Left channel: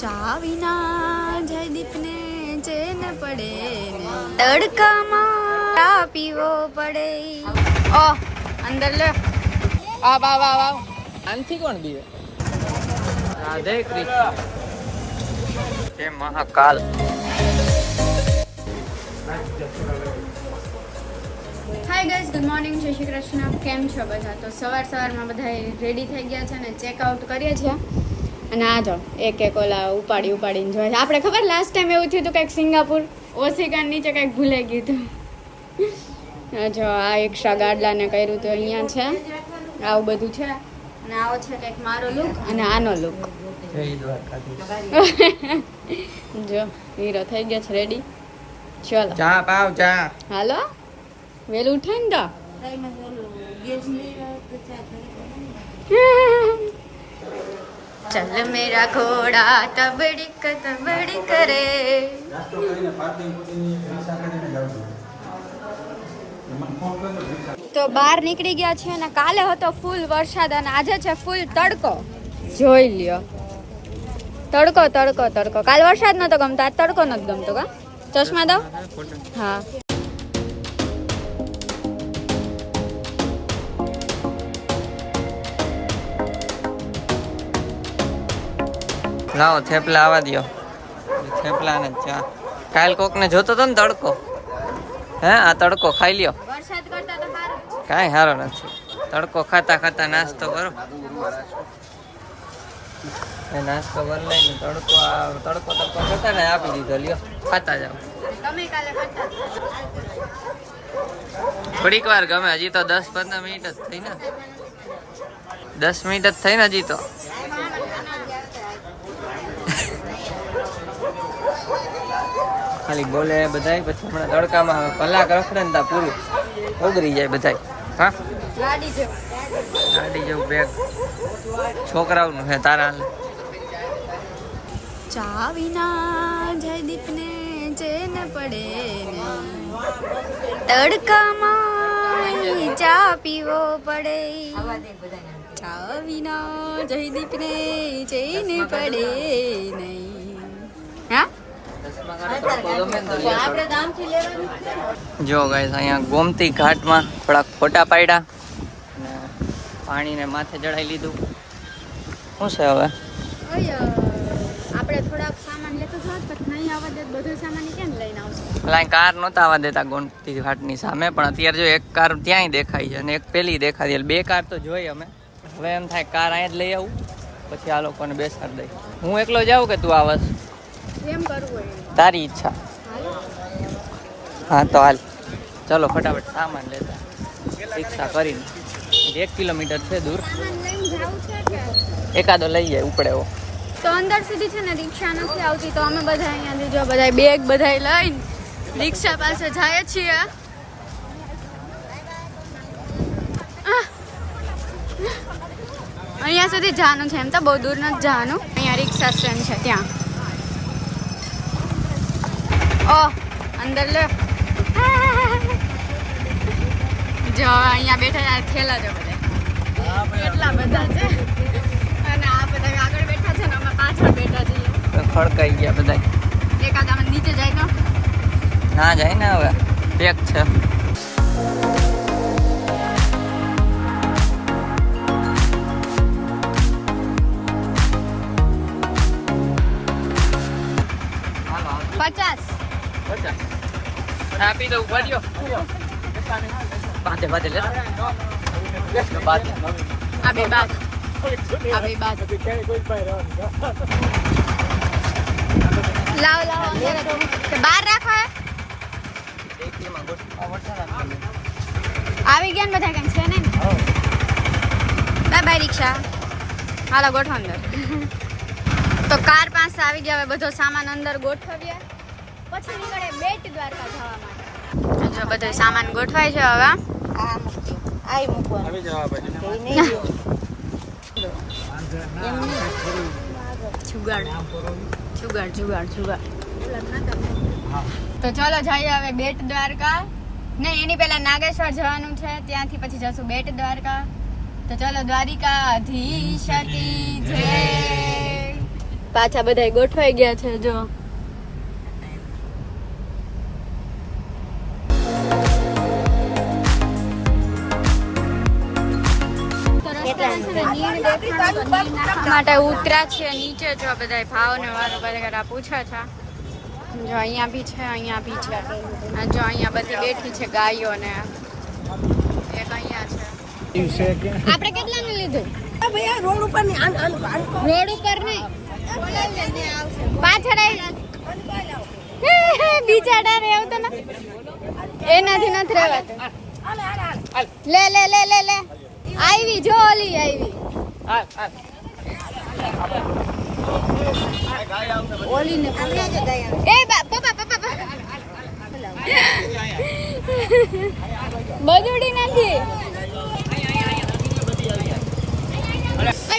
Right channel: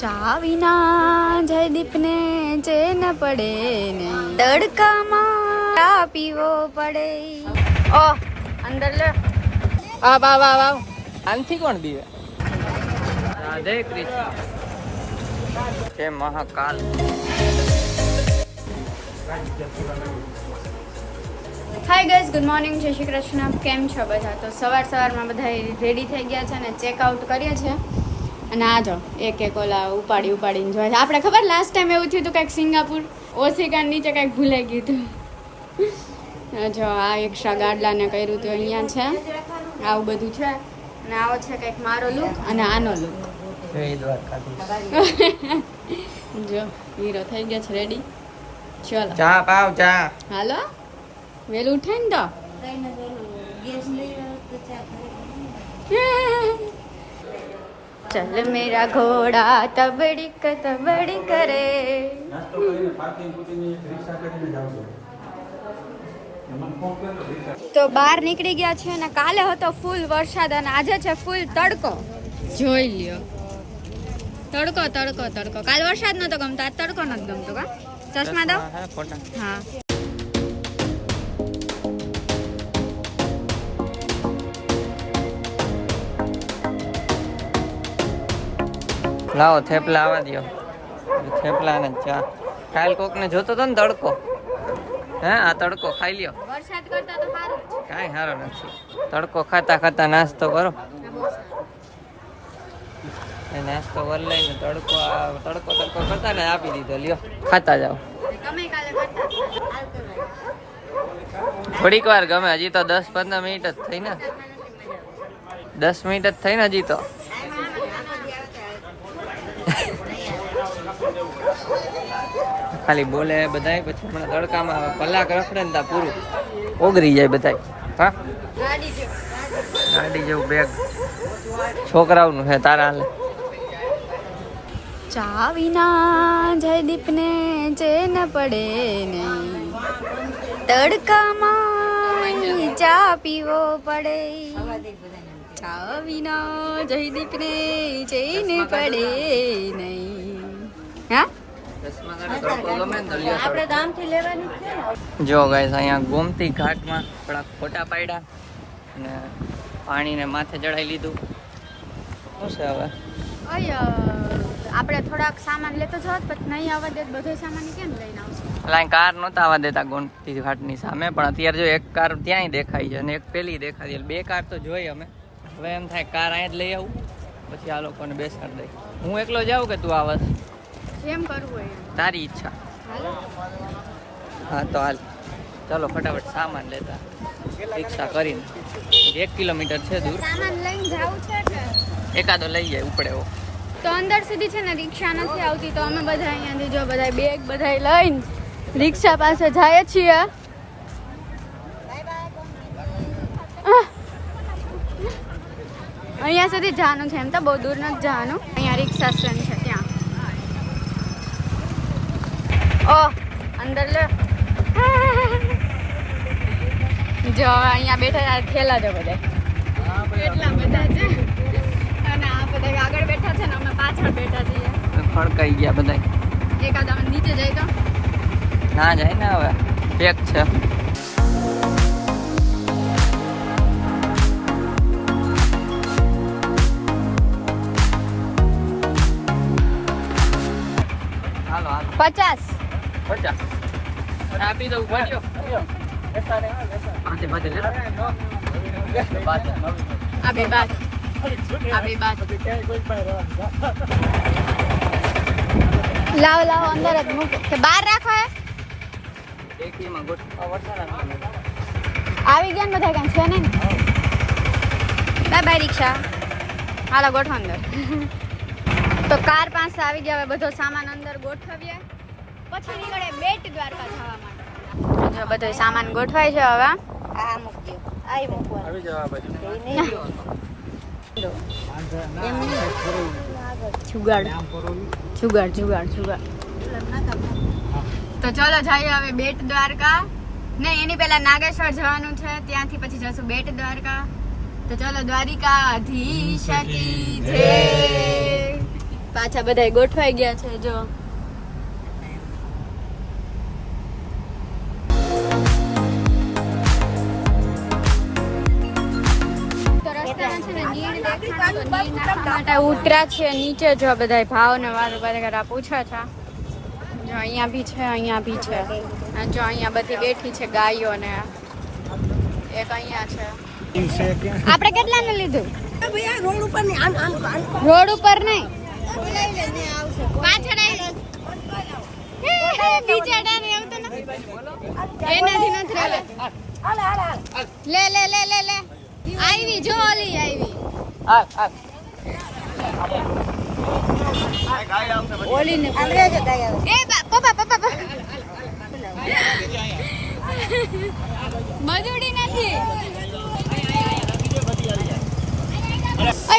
ચા વિના જયદીપને ચેન પડે નહીં, તડકામાં ચા પીવો પડે. ઓ અંદર લે. વાહ વાહ વાહ વાહ. આનથી કોણ દીવે? રાધે કૃષ્ણ. જય Mahakal. Hi guys, good morning, જય શ્રી કૃષ્ણ. કેમ છો બધા? તો સવારમાં બધા રેડી થઈ ગયા છે અને ચેકઆઉટ કરીએ છીએ. અને આ જો એક ઓલા ઉપાડીને જોવા છે. આપણે ખબર લાસ્ટ ટાઈમ એવું થયું હતું કંઈક સિંગાપુર ઓસિકા નીચે કંઈક ભૂલાઈ ગયું હતું. જો આ એક્સ્ટ્રા ગાડલાને કર્યું હતું અહીંયા છે, આવું બધું છે. અને આવો છે કંઈક મારો લુક અને આનો લુક. જો હીરો થઈ ગયો છે રેડી. ચલો ચા પાવ ચા. હાલો વેલું ઉઠે ને તો चल मेरा घोड़ा तबड़िक तबड़िक रे. તો બહાર નીકળી ગયા છે અને કાલે હતો ફૂલ વરસાદ અને આજે છે ફૂલ તડકો. જોઈ લ્યો તડકો તડકો તડકો. કાલ વરસાદ નતો ગમતો, આજ તડકો નથી ગમતો. કા ચશ્મા દો. હા લાવો થેપલા આવવા દો. થેપલા ને ચા. કાલ કોક ને જોતો તો ને તડકો, હે આ તડકો ખાઈ લ્યો. વરસાદ કરતા તો સારું જ છે. કાંઈ સારો નથી. તડકો ખાતા ખાતા નાસ્તો કરો. એ નાસ્તો કરી લઈને તડકો તડકો કરતા ને આપી દીધો, લ્યો ખાતા જાઓ. તમે કાલે કરતા જ થોડીક વાર ગમે, હજી તો 10-15 મિનિટ જ થઈ ને. 10 મિનિટ જ થઈ ને હજી તો. ખાલી બોલે બધાય, પછી હમણાં તડકામાં કલાક રખડે ને ત્યાં પૂરું ઉગરી જાય બધાય. હા ગાડી જેવું બેગ છોકરાઓનું છે. તારા હાલે ચા વિના જયદીપને ચેન પડે નહીં, તડકામાં ચા પીવો પડે. ચા વિના જયદીપને ચેન પડે નહીં. હા જો ગાઈસ, અહીંયા ગોમતી ઘાટમાં થોડાક ફોટા પાડ્યા અને પાણીને માથે ચડાવી લીધું. શું છે હવે આપણે થોડાક સામાન લેતો જવા, પછી નહીં આવવા દે બધો સામાન કેમ લઈને આવશે? લાઈ કાર નહોતા આવવા દેતા ગોમતી ઘાટની સામે, પણ અત્યારે જો એક કાર ત્યાંય દેખાય છે અને એક પેલી દેખાય. 2 કાર તો જોઈ અમે. હવે એમ થાય કાર અહીંયા જ લઈ આવું, પછી આ લોકોને બેસાડી દઈ. હું એકલો જાઉં કે તું આવસ? એમ કરવું હોય તારી ઈચ્છા. હાલો હા તો હાલ, ચલો ફટાફટ સામાન લેતા રિક્ષા કરીને. 1 કિલોમીટર છે દૂર. સામાન લઈને જાવું છે કે એકાદો લઈ જાય ઉપડે એવો. તો અંદર સુધી છે ને રિક્ષા નથી આવતી, તો અમે બધા અહીંયાથી જો બધા બેગ બધા લઈને રિક્ષા પાસે જાય છીએ. અહીંયા સુધી જવાનું છે, એમ તો બહુ દૂર નથી જવાનું. અહીંયા રિક્ષા સ્ટેન્ડ છે ત્યાં. ઓ અંદર લે. જો અહીંયા બેઠા થેલા છે બધા, કેટલા બધા છે. અને આ બધા આગળ બેઠા છે ને અમે પાછળ બેઠા છીએ. ખડકાઈ ગયા બધા. એકાદ અમે નીચે જાય તો ના જાય ને, હવે પેક છે. હાલો 50 આપી દઉં. ભાડ્યો બાતે બાતે લે. આ બે બાદ લાવ અંદર જ મૂકો કે બહાર રાખો. આવી ગયા ને બધા કામ છે ને. બાય રિક્ષા. હાલો ગોઠવો અંદર. તો કાર પાસે આવી ગયા. હવે બધો સામાન અંદર ગોઠવ્યા પછી નીકળે બેટ દ્વારકા જવા માટે. જો બધો સામાન ગોઠવાય છે હવે. જુગાડ. તો ચલો જઈએ હવે બેટ દ્વારકા. ને એની પહેલા નાગેશ્વર જવાનું છે, ત્યાંથી પછી જશું બેટ દ્વારકા. તો ચલો દ્વારિકાધીશ કી જય. પાછા બધા ગોઠવાઈ ગયા છે જો માટે ઉતર્યા છે નીચે જો બધા ભાવ ને વારો બધા પૂછે છે જો અહીંયા બી છે અહીંયા બી છે અને જો અહીંયા બધી બેઠી છે ગાયો ને એક અહીંયા છે આપણે કેટલાને લીધું રોડ ઉપર નહીં પાછળ બિચારા રે આવતો ને એનાથી નથી રહેવાતું લે લે લે લે લે આવી જો ઓલી આવી ઓલી ને એ પપ્પા પપ્પા બદુડી નથી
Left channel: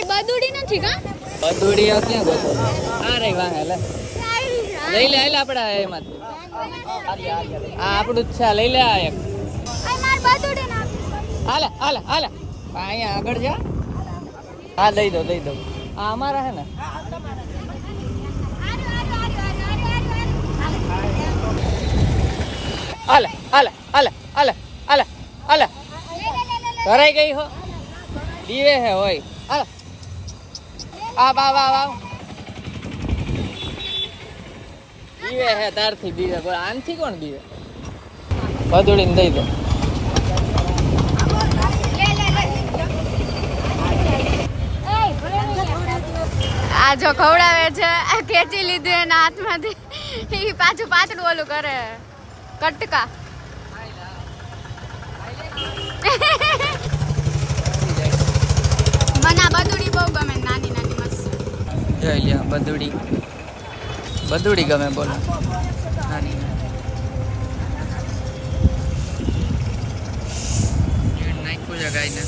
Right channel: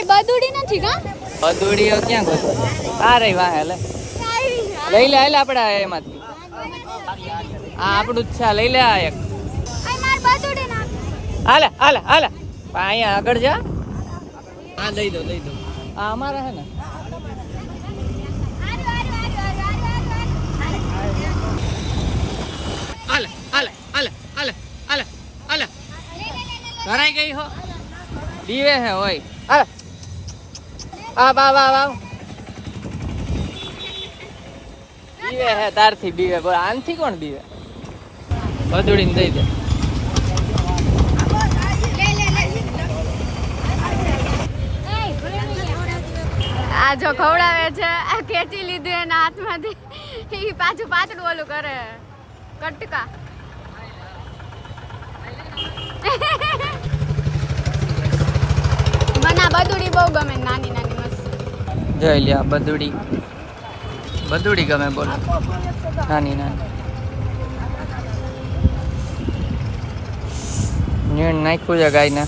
બદુડી નથી કા બદુડી ક્યાં ગોતવા આ રહી વાહ લે લઈ લે હાલે આપણે એમાંથી આ આપણું જ છે લઈ લે આ એક માર બદુડી ના હાલે હાલે હાલે અહીંયા આગળ જા હા દઈ દો આ અમારા હે ને હાલે હાલે હાલે હાલે હાલે હાલે કરાઈ ગઈ હો દીવે હે હોય હાલે આ બા બા બા દીવે હે તારથી બીવે બોલ આનથી કોણ બીવે બદુડીને દઈ દે આ જો ખવડાવે છે આ ખેંચી લીધું એના હાથમાંથી એ પાછું પાતળું ઓલું કરે કટકા મને આ બદુડી બહુ ગમે નાની નાની મસ્ત જોઈ લ્યા બદુડી ગમે બોલો નાની નીણ નાખ્યું છે ગાયના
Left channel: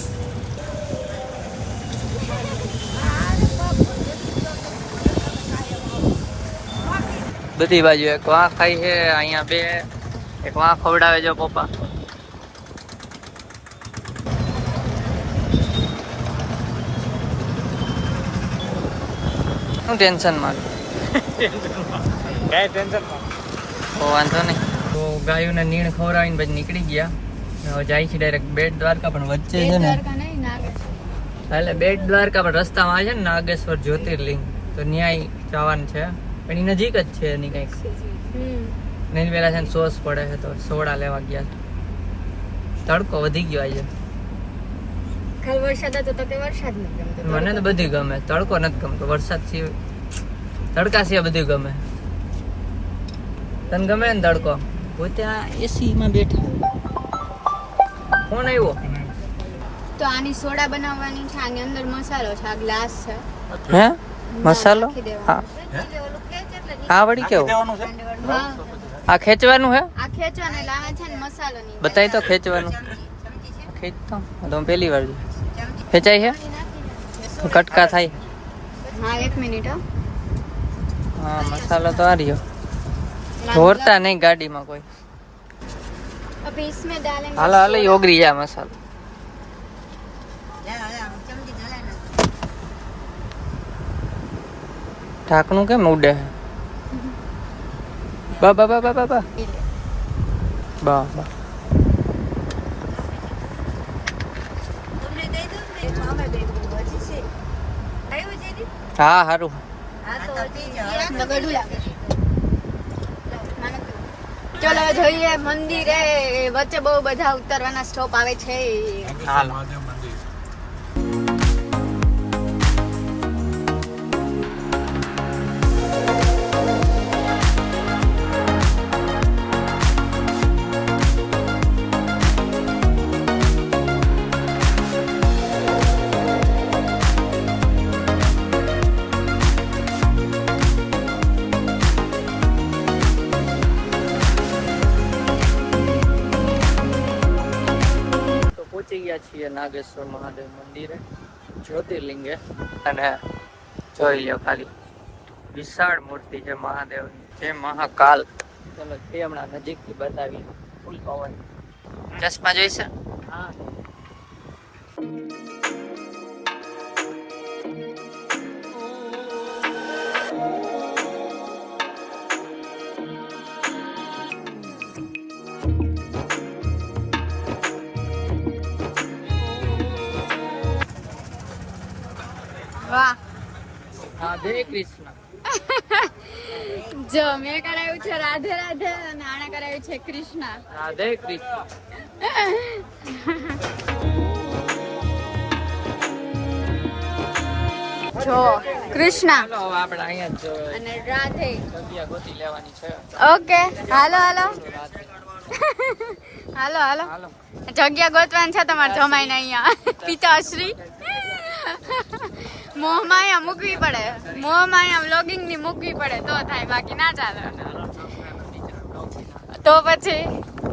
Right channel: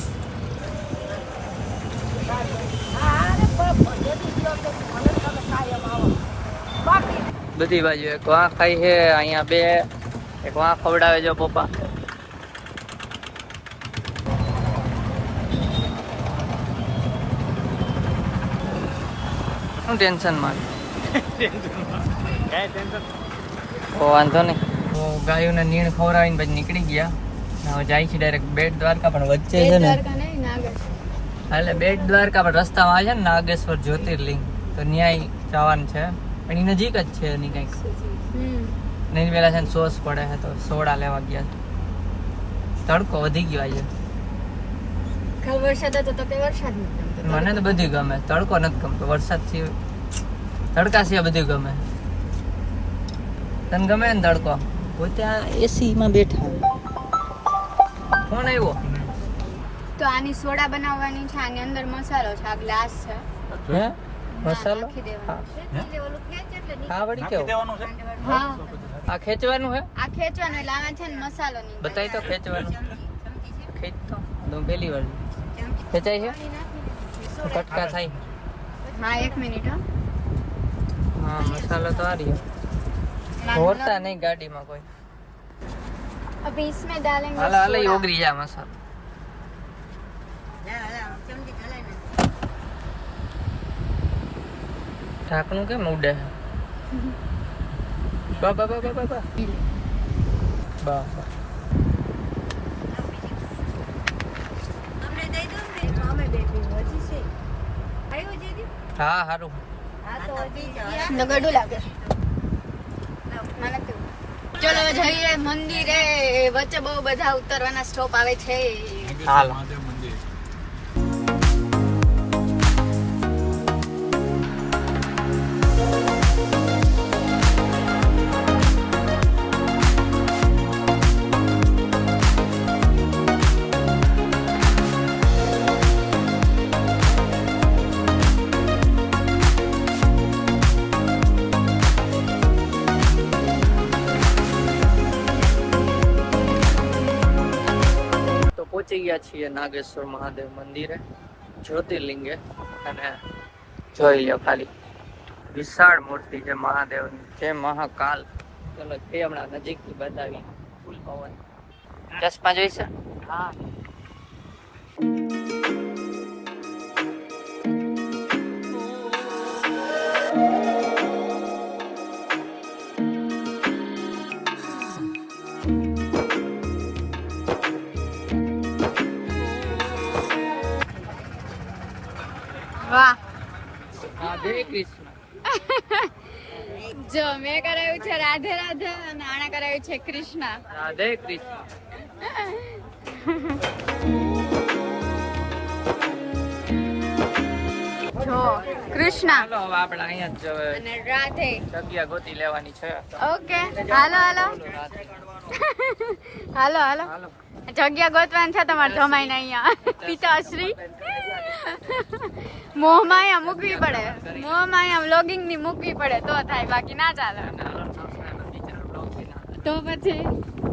બધી બાજુ એક વાં ખાઈ છે અહીંયા બે એક વાં ખવડાવે જો પપ્પા શું ટેન્શન માં વાંધો નહીં ગાયોને નીણ ખવડાવીને પછી નીકળી ગયા હવે જાય છે ડાયરેક્ટ બેટ દ્વારકા પણ વચ્ચે છે ને એટલે બેટ દ્વારકા પણ રસ્તામાં આવે છે ને નાગેશ્વર જ્યોતિર્લિંગ તો ન્યાય જવાનું છે પણ એ નજીક જ છે એની કંઈક નહીં પેલા છે ને સોસ પડે છે તો સોડા લેવા ગયા છે તડકો વધી ગયો આજે વરસાદ હતો તો કે વરસાદ નથી મને તો બધું ગમે તડકો નથી ગમતો વરસાદ સિવાય તડકા સિવાય બધું ગમે તને ગમે ને તડકો પોતે આ એસી માં બેઠા કોણ આવ્યો તો આની સોડા બનાવવાની છે આની અંદર મસાલો છે આ ગ્લાસ છે હે મસાલો હા આ વળી કેવું હા આ ખેંચવાનું હે આ ખેંચવાનો લાવે છે ને મસાલો ની બતાય તો ખેંચવાનું ખેંચ તો પહેલી વાર ખેંચાય છે કટકા થાય હા 1 મિનિટ હા મસાલો તો આ રહ્યો ઢોરતા નહીં ગાડીમાં કોઈ અભી इसमें डालेंगे હાલો હાલો યોગરી જા મસાલો ઢાંકણું કેમ ઉડે બા બા બા બા બા બા બા બા હા હારું ચલો જઈએ મંદિરે વચ્ચે બહુ બધા ઉતરવાના સ્ટોપ આવે છે હાલો પહોંચી ગયા છીએ નાગેશ્વર મહાદેવ મંદિરે જ્યોતિર્લિંગે અને જોઈ લો ખાલી વિશાળ મૂર્તિ છે મહાદેવની જે મહાકાલ ચલો તે હમણાં નજીકથી બતાવી ફૂલ પવન ચશ્મા જોઈશે હા જય કૃષ્ણ. જો મેં કરાવ્યું છે રાધે રાધે અને આણે કરાવ્યું છે કૃષ્ણ. રાધે કૃષ્ણ. જો કૃષ્ણ હાલો હવે આપણે અહીંયા જ અને રાધે જગ્યા ગોતી લેવાની છે. ઓકે હાલો હાલો રાધે. હાલો હાલો જગ્યા ગોતવાની છે તમારે જમાઈને અહીંયા પિતાશ્રી મોહમાયા મૂકવી પડે મોહમાયા વ્લોગિંગ ની મૂકવી પડે તો થાય બાકી ના ચાલે તો પછી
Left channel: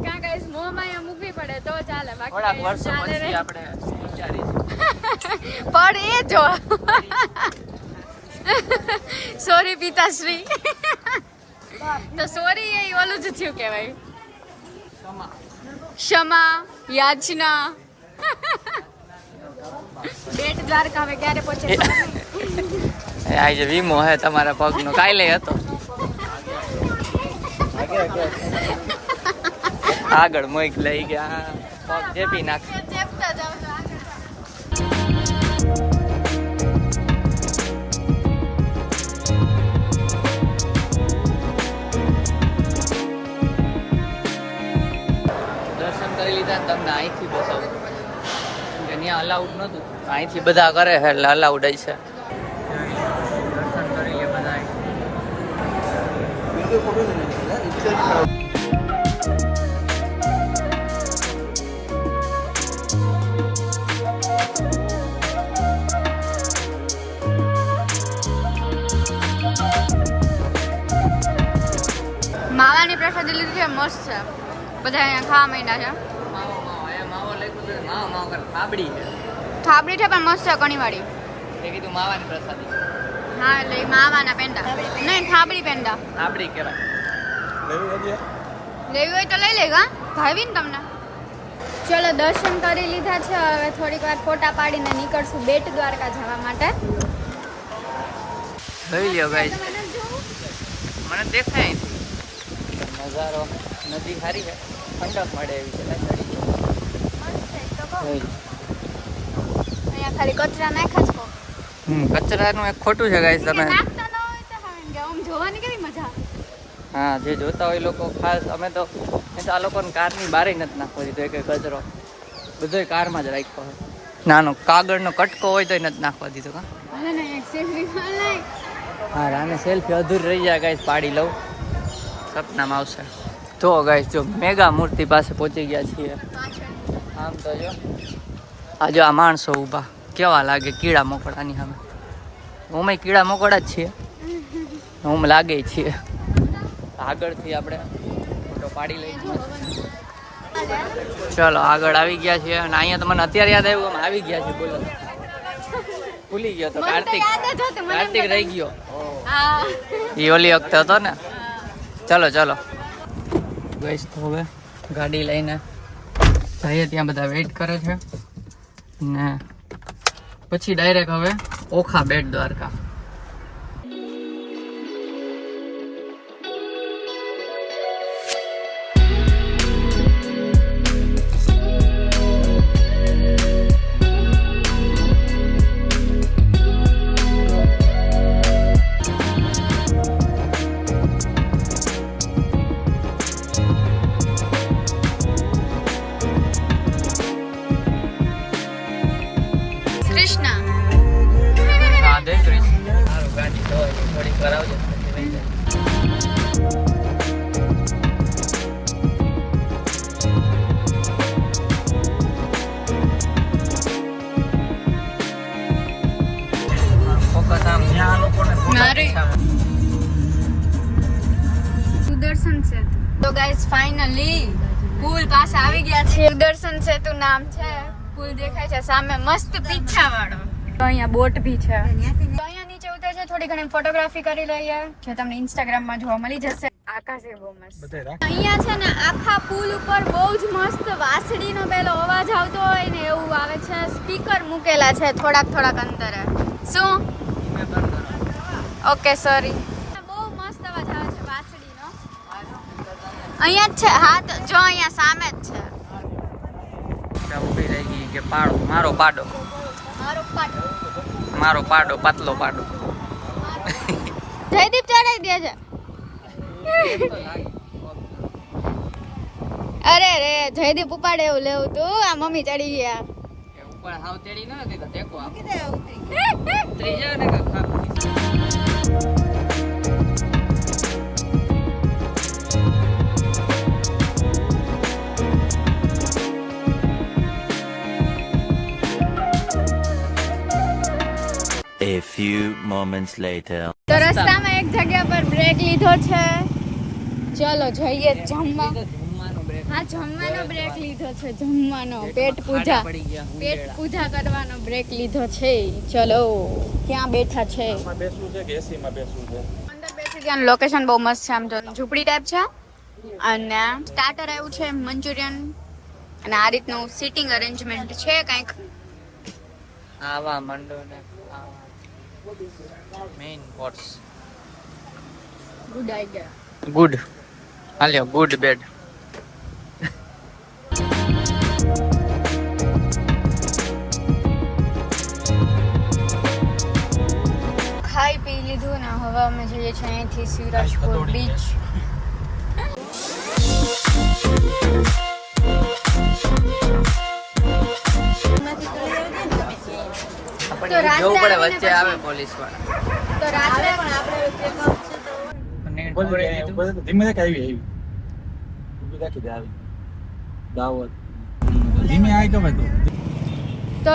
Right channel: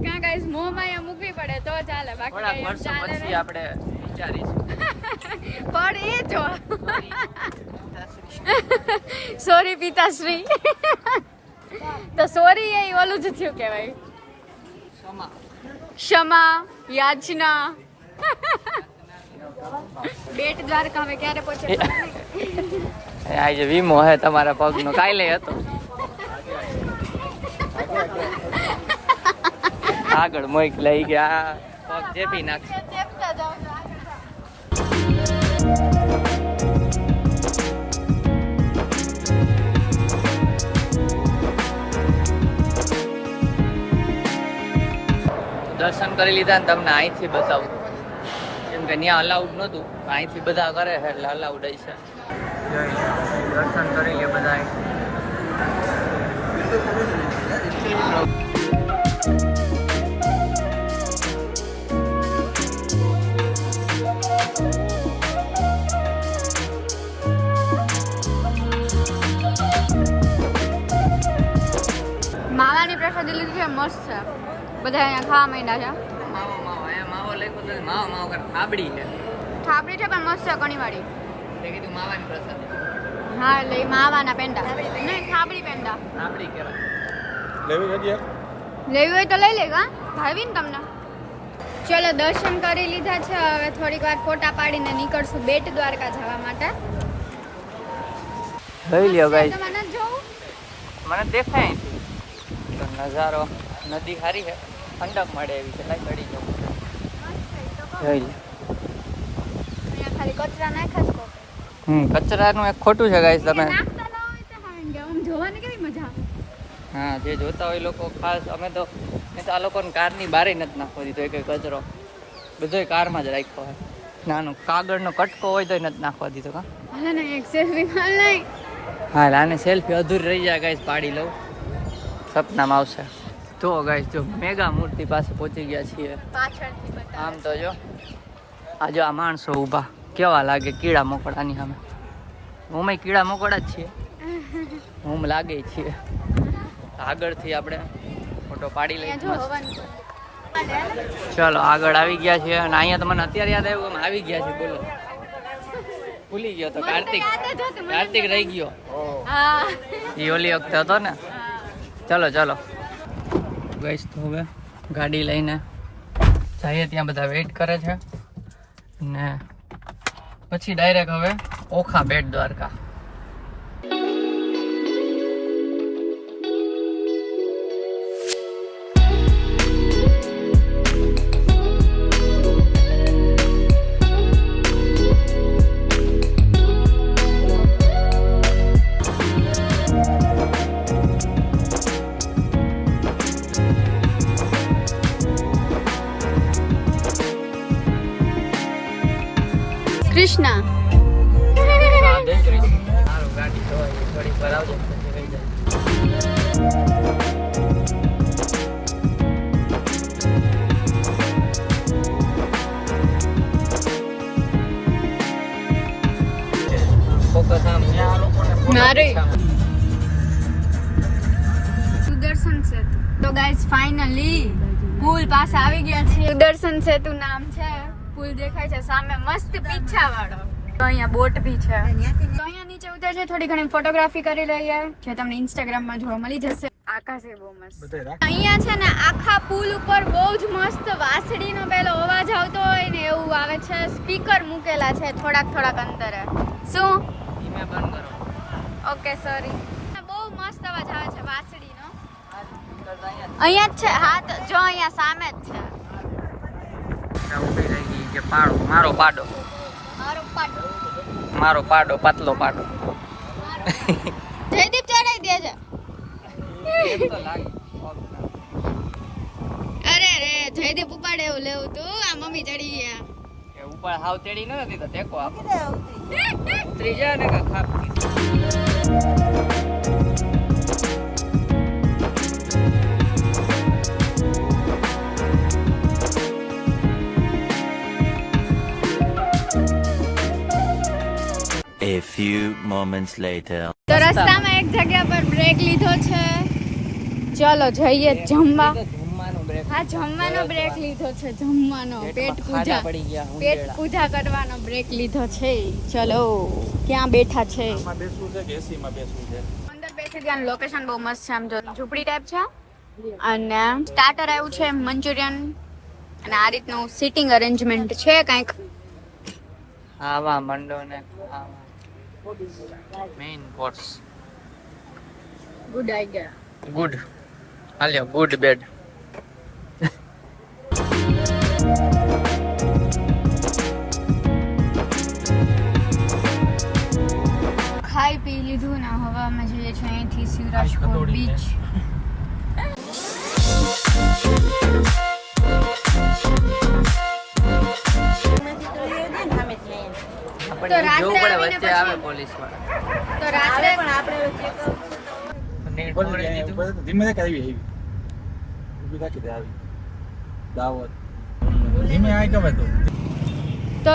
ક્યાં ગાઈસ મોહમાયા મૂકવી પડે તો ચાલે બાકી થોડાક કઈ એમ વર્ષો ચાલે પછી નહીં. આપણે વિચારીશું. પણ એ જો સોરી પિતાશ્રી તો સોરી એ ઓલું જ થયું કહેવાય ક્ષમા. ક્ષમા યાચના બેટ દ્વારકા હવે ક્યારે પહોંચે આજે વીમો હે તમારા પગનો કાલે હતો. આગળ મોઈક લઈ ગયા પગ ચેપી નાખ. ચેપતા જાવ તો આગળ. દર્શન કરી લીધા ને તમને અહીંથી બતાવું કેમ કે ત્યાં અલાઉડ નહોતું અહીંથી બધા કરે છે એટલે અલાઉડ જ છે. દર્શન કરી લે બધા. માવાની પ્રસાદી લીધી છે મસ્ત છે બધા અહીંયા ખાવા માંડ્યા છે માવો માવો અહીંયા માવો લખ્યું છે માવો માવો કર પાબડી છે. થાબડી છે પણ મસ્ત છે કણીવાળી તે કીધું માવાની પ્રસાદી હા એટલે ઈ માવાના પેંડા નહીં થાબડી પેંડા પાબડી કહેવાય. લેવી હોય તો લઈ લેગા ભાવી ને તમને. ચલો દર્શન કરી લીધા છે હવે થોડીક વાર ફોટા પાડીને નીકળશું બેટ દ્વારકા જવા માટે. જોઈ લ્યો ગાઈસ. તમારે નથી જોવું? મને દેખાય અહીંથી નજારો નદી સારી છે ઠંડક મળે એવી છે. લાઈ ચડી જાઉં. જોઈ લો. અહીંયા ખાલી કચરા નાખ્યા છે. કચરાનું એક ખોટું છે ગાઈસ. તમે નાખતા ન હોય તો હા, આમ જોવાની કેવી મજા આવે. હા જે જોતા હોય લોકો ખાસ અમે તો આ લોકોને કારની બારે નથી નાખવા દીધો એક કચરો બધોય કારમાં જ રાખ્યો હોય. નાનો કાગળનો કટકો હોય તોય નથી નાખવા દીધો. કા ભલે ને એક સેલ્ફી પણ નહીં. હા આને સેલ્ફી અધૂરી રહી જાય ગાઈસ પાડી લઉં સપનામાં આવશે. તો ગાઈસ જો મેગા મૂર્તિ પાસે પહોંચી ગયા છીએ. પાછળથી આમ તો જો આ જો આ માણસો ઊભા કેવા લાગે કીડા મોકળાની સામે. અમે કીડા મોકળા જ છીએ હું લાગે છીએ. આગળથી આપણે ફોટો પાડી લઈ મસ્ત. ચલો આગળ આવી ગયા છીએ અને અહીંયા તો મને અત્યારે યાદ આવ્યું અમે આવી ગયા છીએ. બોલો ભૂલી ગયો તો કાર્તિક રહી ગયો. એ ઓલી વખતે હતો ને. ચલો ચલો ગઈશ તો હવે ગાડી લઈને જઈએ ત્યાં બધા વેઇટ કરે છે ને પછી ડાયરેક્ટ હવે ઓખા બેટ દ્વારકા. કૃષ્ણ રાધે કૃષ્ણ. સારું ગાડી ધોવાય થોડીક વાર આવજો પછી વહી જાય. ફોકસ આમ ત્યાં આ લોકોને અરે. સુદર્શન સેતુ. તો ગાઈસ ફાઇનલી પુલ પાસે આવી ગયા છે. સુદર્શન સેતુ નામ છે. પુલ દેખાય છે સામે મસ્ત પીછા વાળો. તો અહીંયા બોટ ભી છે. તો અહીંયા નીચે ઉતરે છે થોડી ઘણી ફોટોગ્રાફી કરી લઈએ જે તમને ઇન્સ્ટાગ્રામ માં જોવા મળી જશે. આકાશ એ બહુ મસ્ત. અહીંયા છે ને આખા પુલ ઉપર બહુ જ મસ્ત વાંસળીનો પેલો અવાજ આવતો હોય ને એવું આવે છે. સ્પીકર મૂકેલા છે થોડાક અંતરે. શું ધીમે બંધ કરો. Okay sorry. બહુ મસ્ત અવાજ આવે છે વાંસળીનો. અહીંયા જ છે. હા તો જો અહીંયા સામે જ છે. ઊભી રહી ગઈ કે પાડો મારો પાડો મારો પાટો. મારો પાડો પાતલો પાડો. મારો જયદીપ ચડાઈ દે છે. એમ તો લાગે. અરે રે જયદીપ ઉપાડે એવું લેવું તું આ મમ્મી ચડી ગયા. એ ઉપર હાવ તેડી નથી તો ટેકો આપ. ત્રીજા ને કા ખાપ. A few moments later. તો રસ્તામાં એક જગ્યા પર બ્રેક લીધો છે. ચલો જઈએ જમવા. જમવાનું બ્રેક. હા જમવાનો બ્રેક લીધો છે. જમવાનો પેટ પૂજા પડી ગયા પેટ પૂજા કરવાનો બ્રેક લીધો છે. ચલો ક્યાં બેઠા છે? બેસવું છે કે એસી માં બેસવું છે? અંદર બેસી ગયા. લોકેશન બહુ મસ્ત છે. આમ જો ઝૂંપડી ટાઈપ છે અને સ્ટાર્ટર આવ્યું છે મંચુરિયન અને આ રીતનું સિટિંગ અરેન્જમેન્ટ છે કંઈક. આવા મંડો ને આવા main course. Good idea. Good. હાલ્યો ગુડ બેડ. ખાઈ પી લીધું ને હવે અમે જઈએ છીએ અહીંથી શિવરાજપુર બીચ. આપણે રાત્રે જોવું પડે આવીને વચ્ચે પછી- આવે પોલીસ વાળા. તો રાત્રે ધીમે ધીમે આવી ઊભી રાખી દે આવી દાવત ધીમે આઈ ગમે તો તો